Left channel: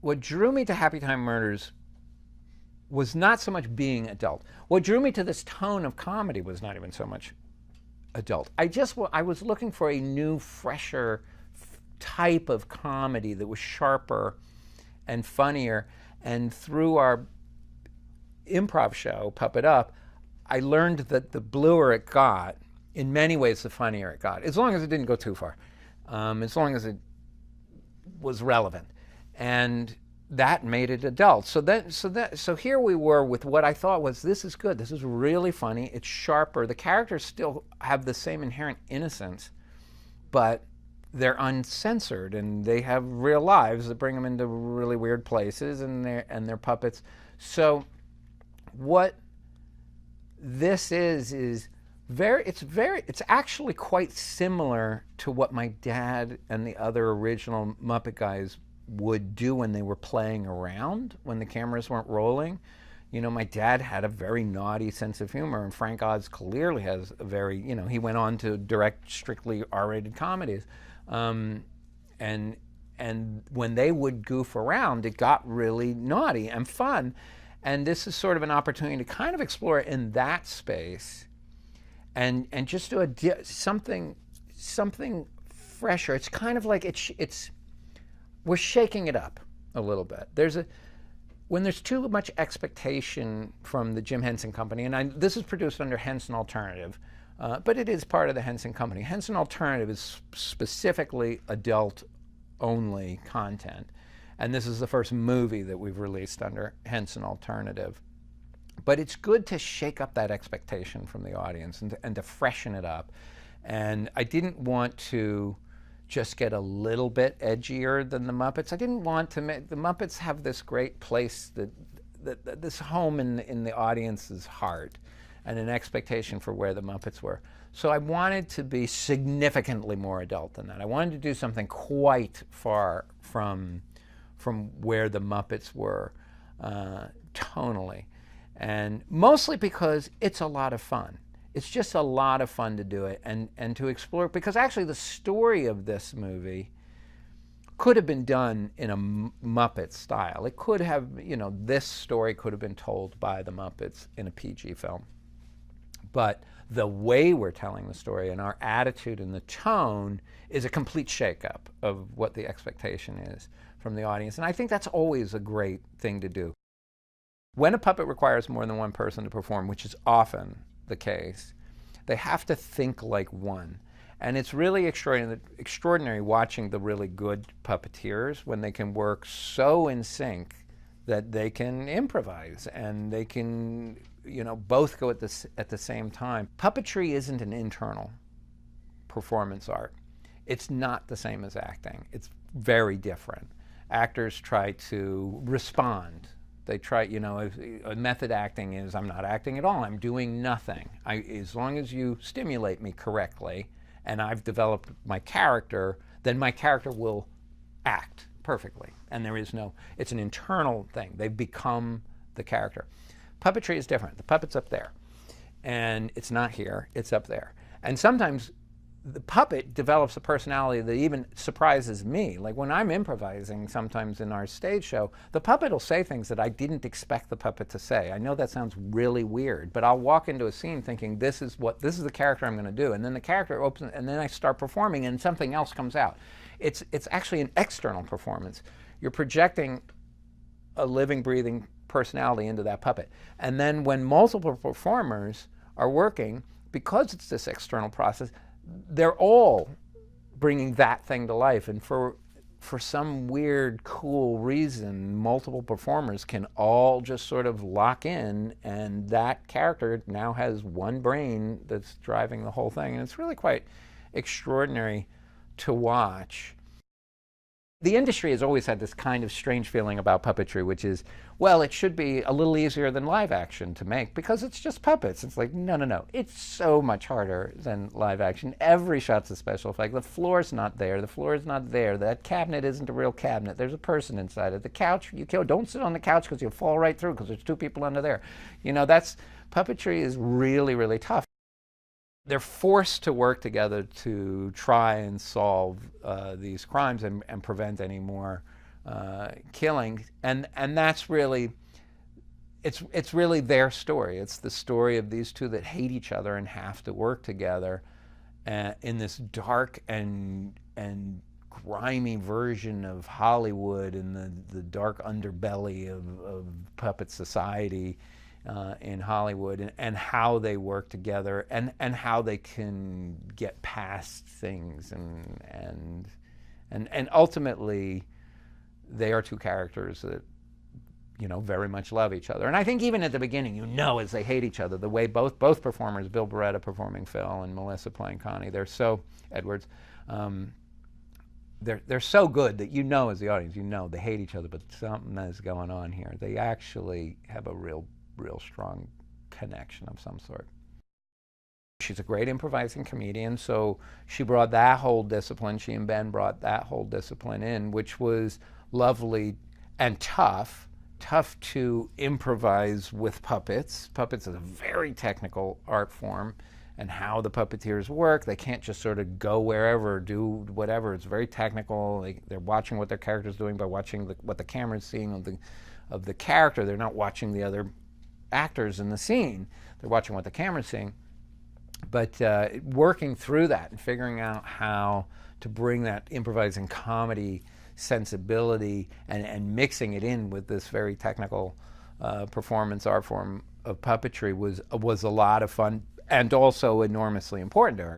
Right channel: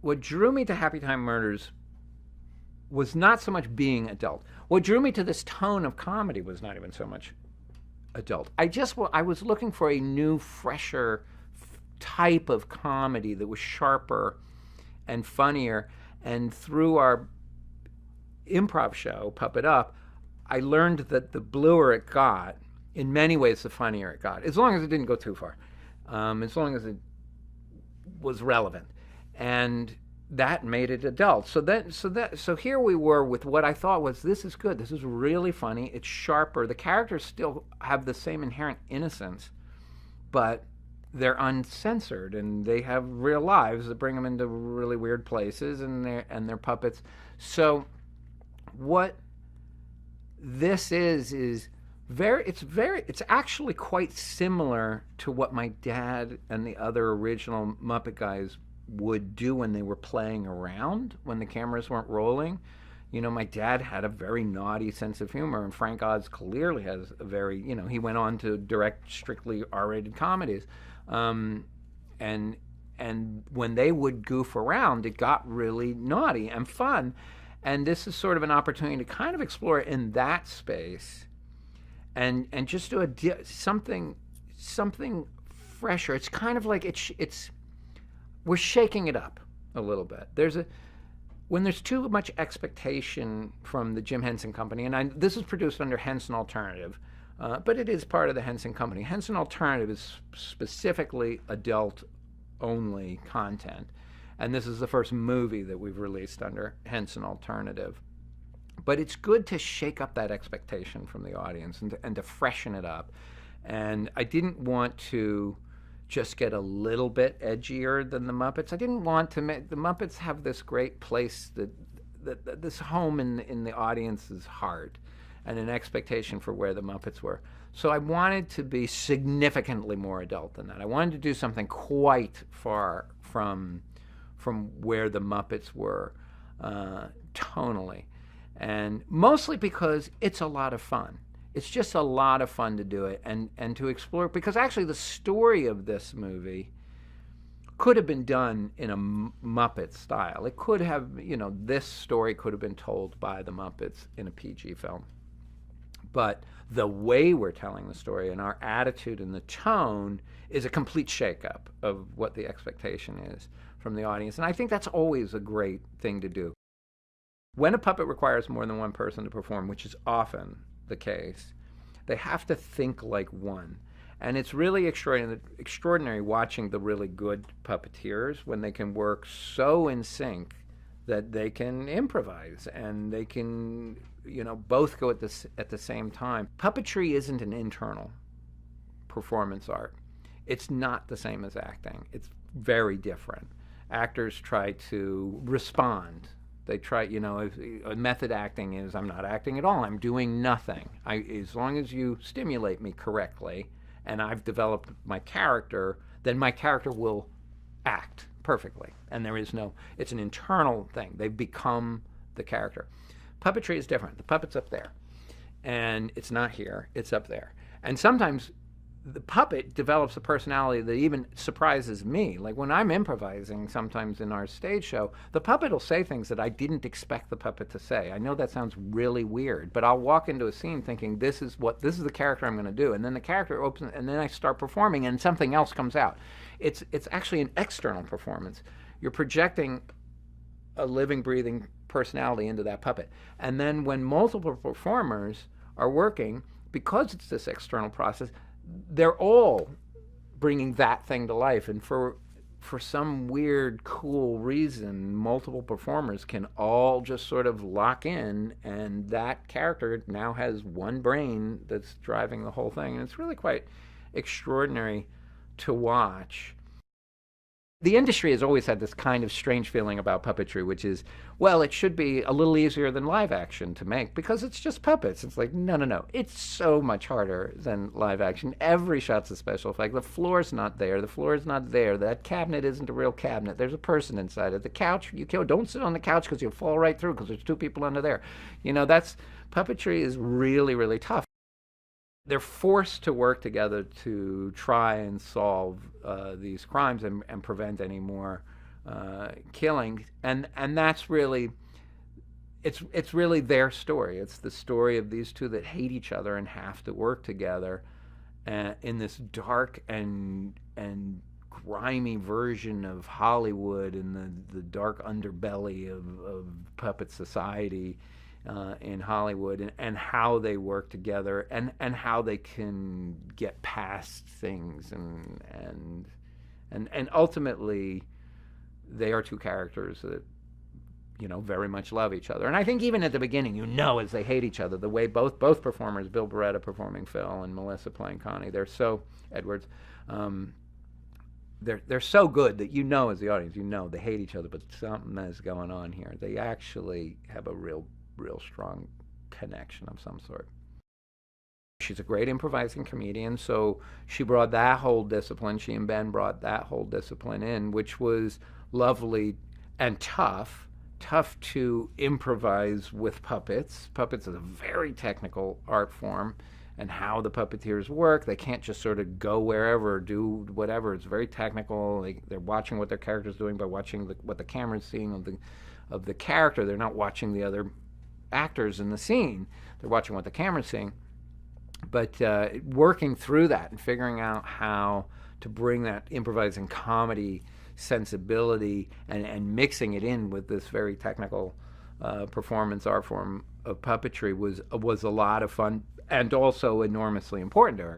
what drew me to Happytime Murders was not so much being adult. What drew me to this tone of comedy was not even so much adult. I was looking for a new, fresher type of comedy that was sharper and funnier. And through our improv show, Puppet Up, I learned that the bluer it got, in many ways, the funnier it got, as long as it didn't go too far, as long as it was relevant, and that made it adult. So here we were with what I thought was, this is good. This is really funny. It's sharper. The characters still have the same inherent innocence, but they're uncensored, and they have real lives that bring them into really weird places, and they're puppets. So what this is it's actually quite similar to what my dad and the other original Muppet guys would do when they were playing around, when the cameras weren't rolling. You know, my dad had a very naughty sense of humor, and Frank Oz clearly has a very, he went on to direct strictly R-rated comedies. And when they would goof around, it got really naughty and fun. And this is sort of an opportunity to kind of explore it in that space, and just do something fresher. It's kind of like it's we're shaking it up a little bit. When there's too much expectation from the Jim Henson Company, and this is produced under Henson Alternative, but it is part of the Henson Company. Henson Alternative is specifically adult-only content, and this is the first movie that we've released under Henson Alternative. But it's good to shake up that expectation from the audience and to freshen it up. And I didn't want to just get a little bit edgier than the Muppets. I didn't want to make the Muppets have this great place, that this home in the audience's heart, and an expectation for where the Muppets were. So I wanted to be significantly more adult than that. I wanted to do something quite far from where the Muppets were tonally. And mostly because it's a lot of fun. It's just a lot of fun to do it and to explore, because actually the story of this movie could have been done in a Muppet style. It could have, this story could have been told by the Muppets in a PG film. But the way we're telling the story and our attitude and the tone is a complete shakeup of what the expectation is from the audience. And I think that's always a great thing to do. When a puppet requires more than one person to perform, which is often the case, they have to think like one. And it's really extraordinary watching the really good puppeteers when they can work so in sync that they can improvise and they can, both go at the same time. Puppetry isn't an internal performance art. It's not the same as acting. It's very different. Actors try to respond. They try, a method acting is, I'm not acting at all. I'm doing nothing. As long as you stimulate me correctly and I've developed my character, then my character will act perfectly. And it's an internal thing. They become the character. Puppetry is different. The puppet's up there. And it's not here. It's up there. And sometimes the puppet develops a personality that even surprises me. Like when I'm improvising sometimes in our stage show, the puppet will say things that I didn't expect the puppet to say. I know that sounds really weird, but I'll walk into a scene thinking this is the character I'm going to do, and then the character opens, and then I start performing, and something else comes out. It's actually an external performance. You're projecting a living, breathing personality into that puppet, and then when multiple performers are working, because it's this external process, they're all bringing that thing to life. And for some weird, cool reason, multiple performers can all just sort of lock in, and that character now has one brain that's driving the whole thing. And it's really quite extraordinary to watch. The industry has always had this kind of strange feeling about puppetry, which is, well, it should be a little easier than live action to make because it's just puppets. It's like, no. It's so much harder than live action. Every shot's a special effect. The floor's not there. The floor is not there. That cabinet isn't a real cabinet. There's a person inside it. The couch, don't sit on the couch because you'll fall right through because there's two people under there. Puppetry is really, really tough. They're forced to work together to try and solve these crimes and prevent any more killing, and that's really it's really their story. It's the story of these two that hate each other and have to work together in this dark and grimy version of Hollywood and the dark underbelly of puppet society in Hollywood, and how they work together, and how they can get past things, and ultimately they are two characters that very much love each other. And I think even at the beginning, as they hate each other, the way both performers, Bill Barretta performing Phil and Melissa playing Connie, they're so Edwards, they're so good that as the audience, they hate each other, but something is going on here. They actually have a real strong connection of some sort. She's a great improvising comedian, so she brought that whole discipline. She and Ben brought that whole discipline in, which was lovely and tough to improvise with puppets. Puppets is a very technical art form, and how the puppeteers work. They can't just sort of go wherever or do whatever. It's very technical. They're watching what their character's doing by watching what the camera's seeing of the character. They're not watching the other actors in the scene. They're watching what the camera's seeing. But working through that and figuring out how to bring that improvising comedy sensibility and mixing it in with this very technical performance art form of puppetry was a lot of fun, and also enormously important to her.